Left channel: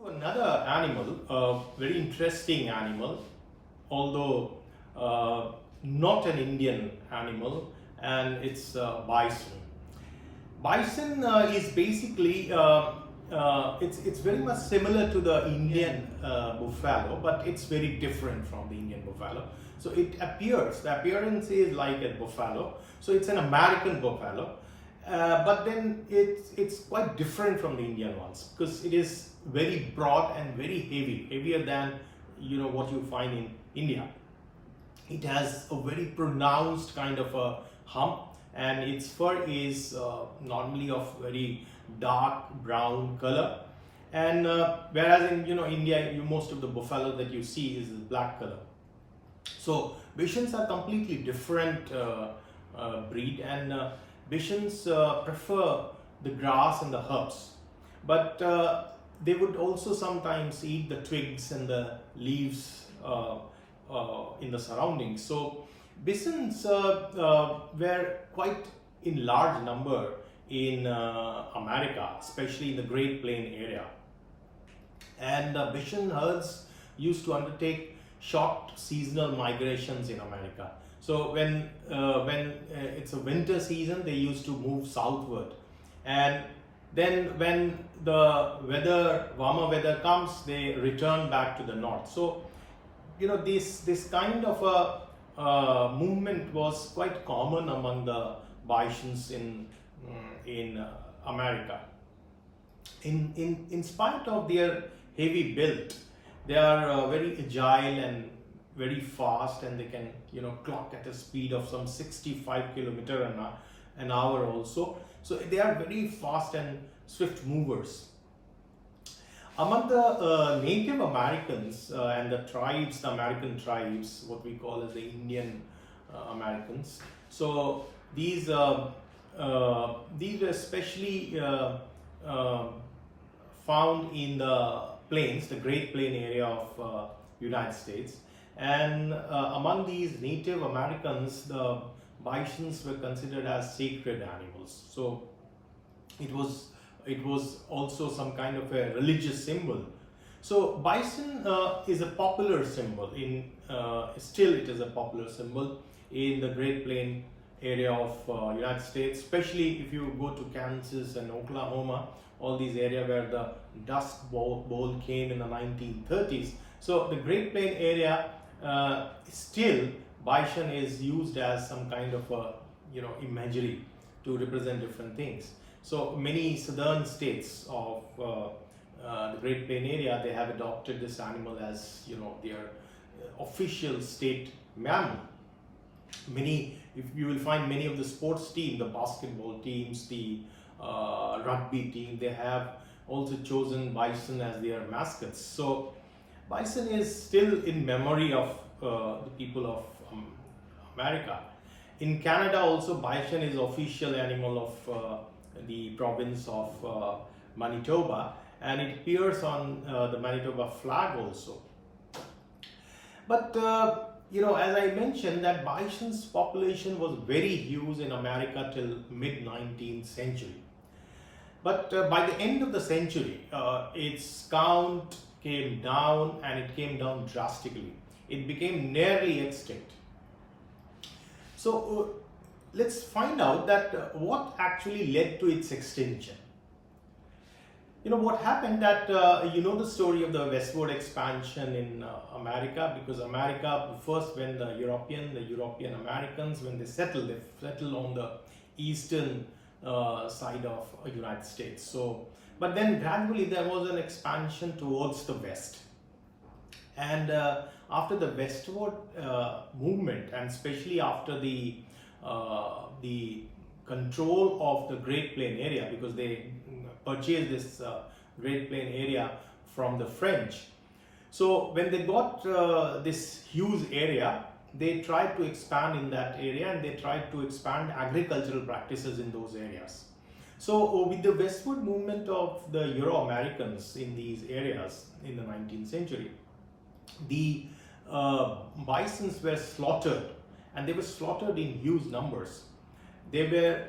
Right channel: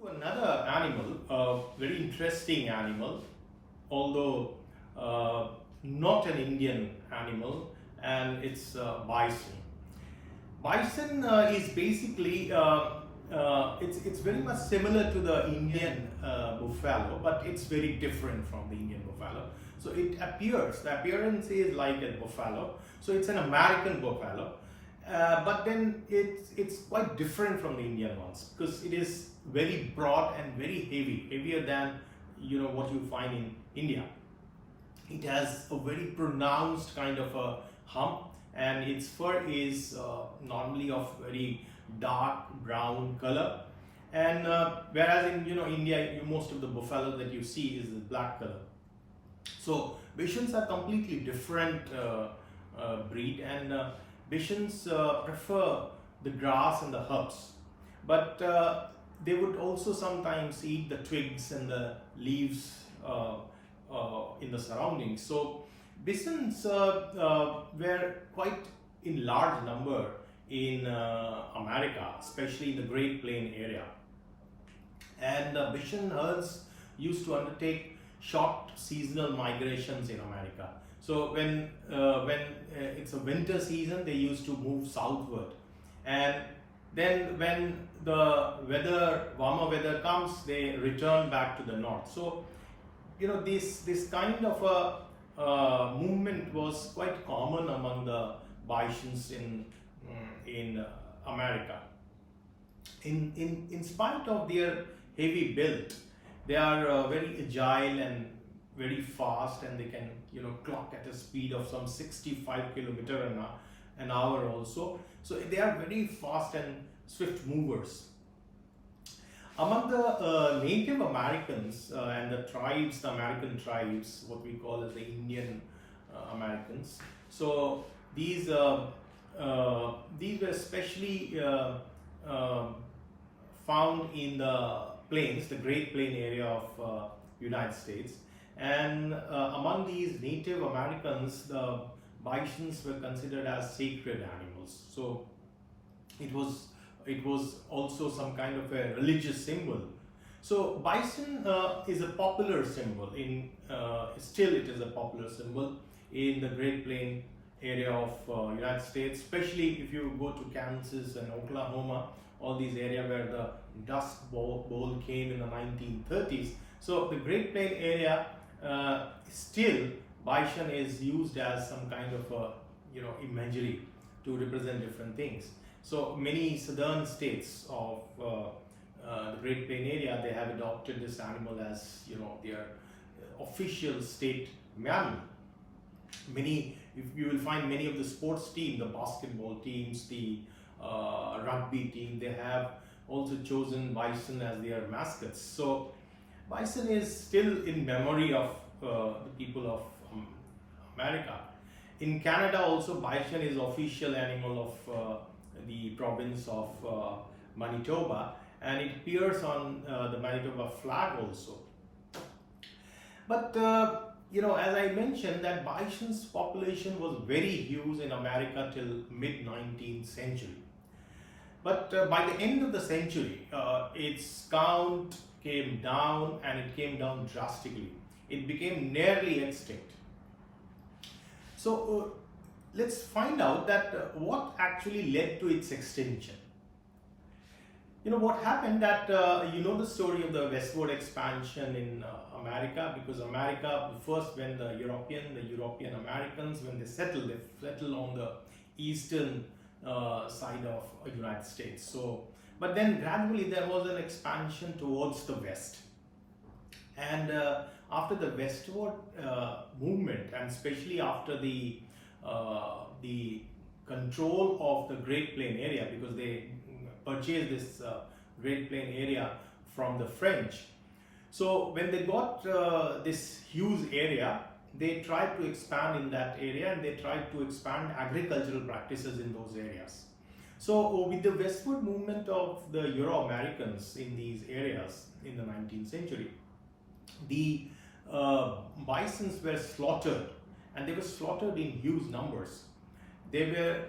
To another animal, a very interesting animal, although not an Indian animal, and it's bison. Bison is basically it's very much similar to the Indian buffalo, but it's very different from the Indian buffalo. So the appearance is like a buffalo. So it's an American buffalo, but then it's quite different from the Indian ones because it is very broad and very heavy, heavier than what you find in India. It has a very pronounced kind of a hump, and its fur is normally of very dark brown color, and whereas in India, most of the buffalo that you see is black color. So Bisons are completely different breed, and Bisons prefer the grass and the herbs, but they would also sometimes eat the twigs and the leaves in the surroundings. So Bisons were quite in large number in America, especially in the Great Plain area. And bison herds used to undertake short seasonal migrations in America. So when it's a winter season, they used to move southward, and then when the warmer weather comes, they return back to the north. So this kind of a movement was quite common among the bisons in America. In spite of their heavy build, they are very agile and very fast, and they can clock at a speed of some 65 kilometer an hour also. So they are very fast and swift movers. Among the Native Americans and the tribes, the American tribes, what we call as the Indian Americans. So these were especially found in the plains, the Great Plain area of United States. And among these Native Americans, the bisons were considered as sacred animals. So it was also some kind of a religious symbol. So bison is a popular symbol still it is a popular symbol in the Great Plain area of United States, especially if you go to Kansas and Oklahoma, all these areas where the Dust Bowl came in the 1930s. So the Great Plain area, still bison is used as some kind of a imagery to represent different things. So many southern states of the Great Plain area, they have adopted this animal as their official state mammal. If you will find many of the sports teams, the basketball teams, the rugby team, they have also chosen bison as their mascots. So bison is still in memory of the people of America. In Canada also, bison is official animal of the province of Manitoba, and it appears on the Manitoba flag also. But as I mentioned, that bison's population was very huge in America till mid-19th century. But by the end of the century, its count came down, and it came down drastically. It became nearly extinct. So let's find out that what actually led to its extinction. What happened that the story of the westward expansion in America, because America first, when the European Americans, when they settled on the eastern side of United States. So but then gradually there was an expansion towards the west, and after the westward movement, and especially after the control of the Great Plain area, because they purchased this Great Plain area from the French. So when they got this huge area, they tried to expand in that area, and they tried to expand agricultural practices in those areas. So with the westward movement of the Euro-Americans in these areas in the 19th century, the bisons were slaughtered, and they were slaughtered in huge numbers. They were,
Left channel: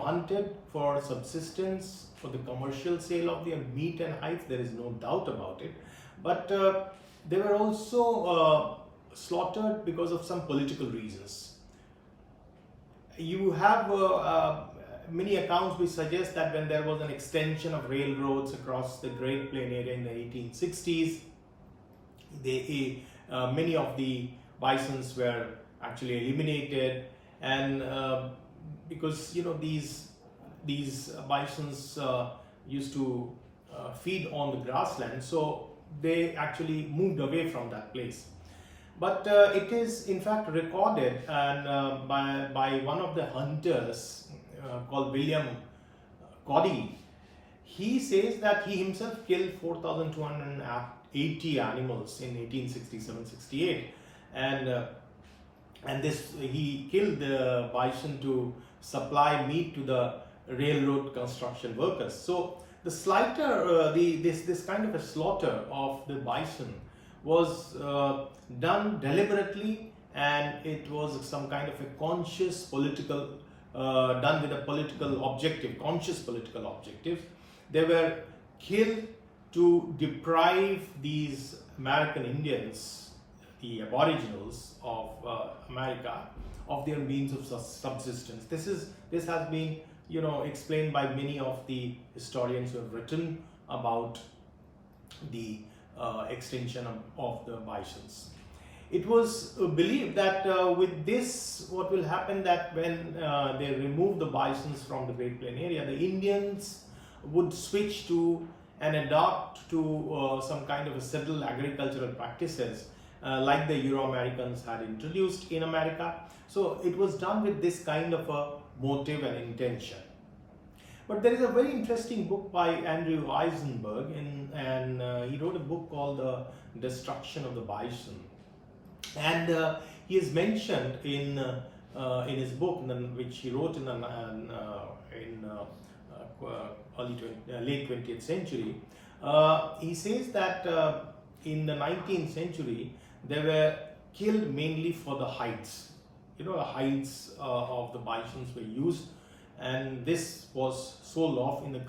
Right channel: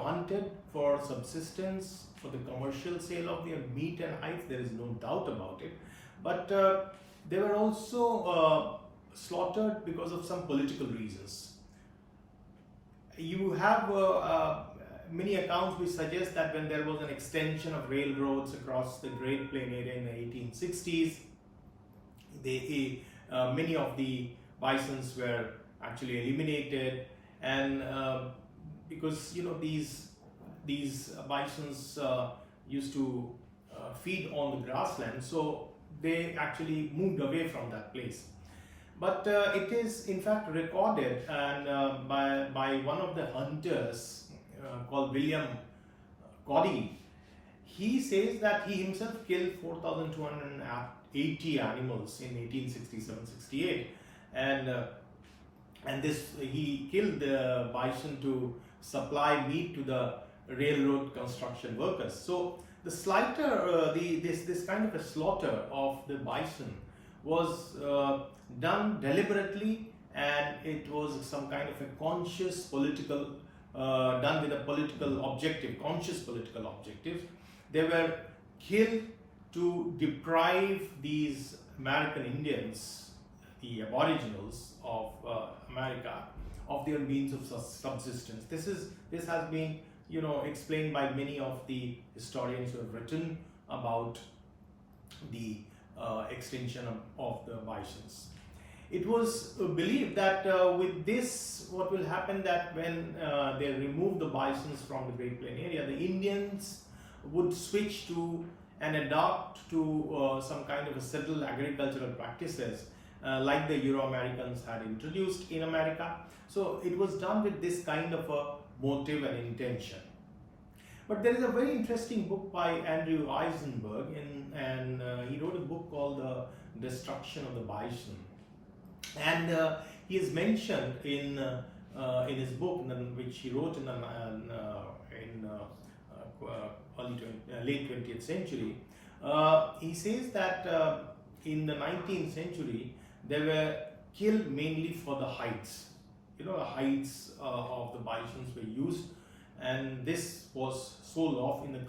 hunted for subsistence, for the commercial sale of their meat and hides. There is no doubt about it. But they were also slaughtered because of some political reasons. You have many accounts which suggest that when there was an extension of railroads across the Great Plain area in the 1860s, many of the bisons were actually eliminated, and because these bisons used to feed on the grassland, so they actually moved away from that place. But it is in fact recorded and by one of the hunters called William Cody. He says that he himself killed 4,280 animals in 1867-68, and he killed the bison to supply meat to the railroad construction workers. So the slaughter, this kind of a slaughter of the bison was done deliberately, and it was some kind of a conscious political, done with a political objective, conscious political objective. They were killed to deprive these American Indians, the aboriginals of America, of their means of subsistence. This has been explained by many of the historians who have written about the extinction of the bisons. It was believed that with this, what will happen, that when they remove the bisons from the Great Plain area, the Indians would switch to and adopt to some kind of a settled agricultural practices like the Euro-Americans had introduced in America. So it was done with this kind of a motive and intention. But there is a very interesting book by Andrew Eisenberg, and he wrote a book called The Destruction of the Bison. And he is mentioned in his book, which he wrote in late 20th century. He says that in the 19th century, they were killed mainly for the hides. The hides of the bisons were used, and this was sold off in the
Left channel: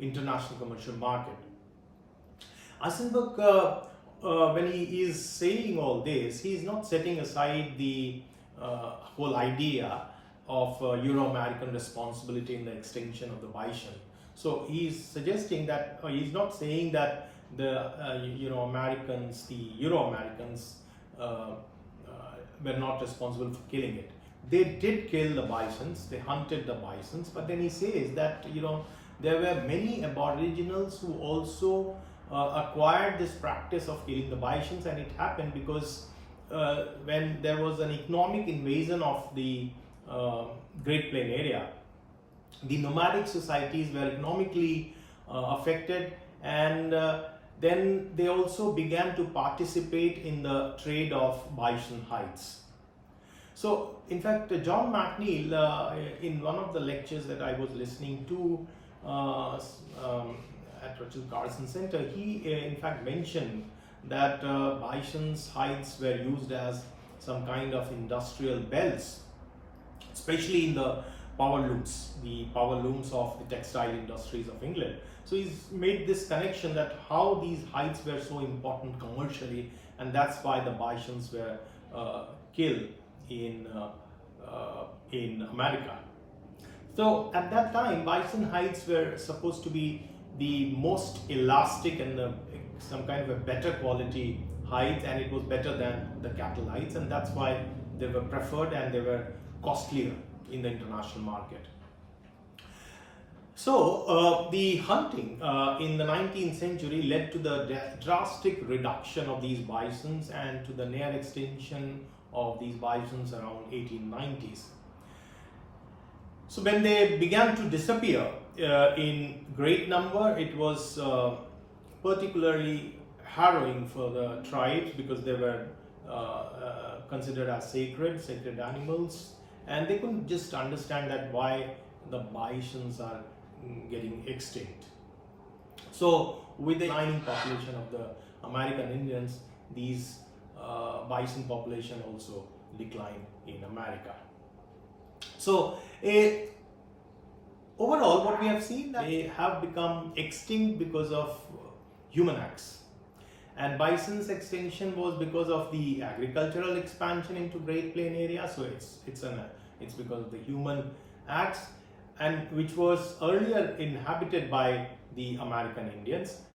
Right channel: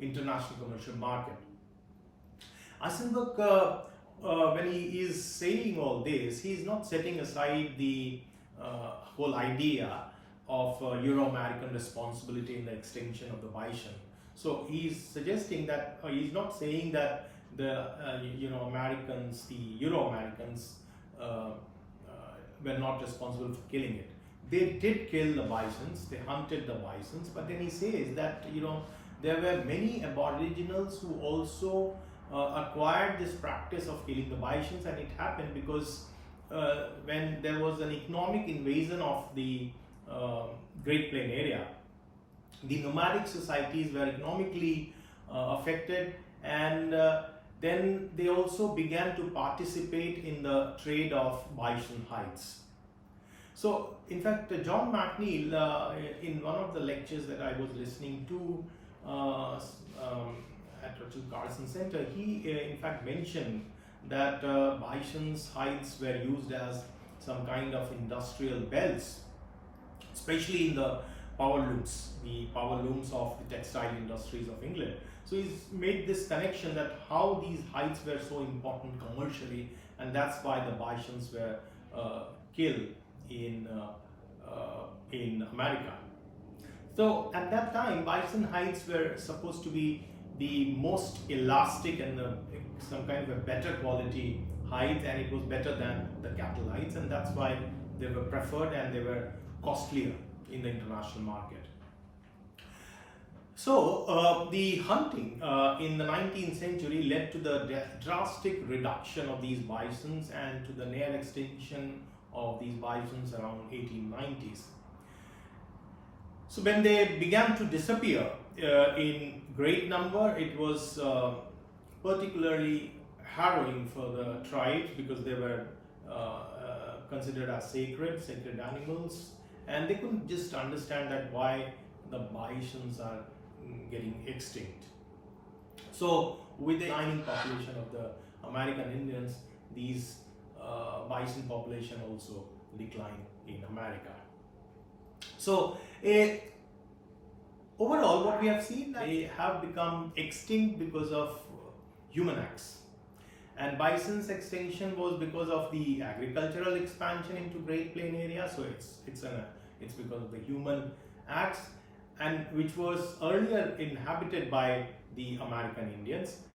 international commercial market. Eisenberg, when he is saying all this, he is not setting aside the whole idea of Euro-American responsibility in the extinction of the bison. So he is suggesting that, he is not saying that the Euro-Americans were not responsible for killing it. They did kill the bisons, they hunted the bisons, but then he says that there were many aboriginals who also acquired this practice of killing the bisons, and it happened because when there was an economic invasion of the Great Plain area, the nomadic societies were economically affected, and then they also began to participate in the trade of bison hides. So, in fact, John McNeill, in one of the lectures that I was listening to at Rachel Carson Center, he in fact mentioned that bison's hides were used as some kind of industrial belts, especially in the power looms of the textile industries of England. So he's made this connection that how these hides were so important commercially, and that's why the bisons were killed in America. So at that time, bison hides were supposed to be the most elastic and some kind of a better quality hides, and it was better than the cattle hides, and that's why they were preferred and they were costlier in the international market. So the hunting in the 19th century led to the drastic reduction of these bisons and to the near extinction of these bisons around 1890s. So when they began to disappear in great number, it was particularly harrowing for the tribes, because they were considered as sacred animals, and they couldn't just understand that why the bisons are getting extinct. So with the declining population of the American Indians, these bison population also declined in America. So overall, what we have seen, they have become extinct because of human acts. And bison's extinction was because of the agricultural expansion into Great Plain area. So it's because of the human acts, and which was earlier inhabited by the American Indians.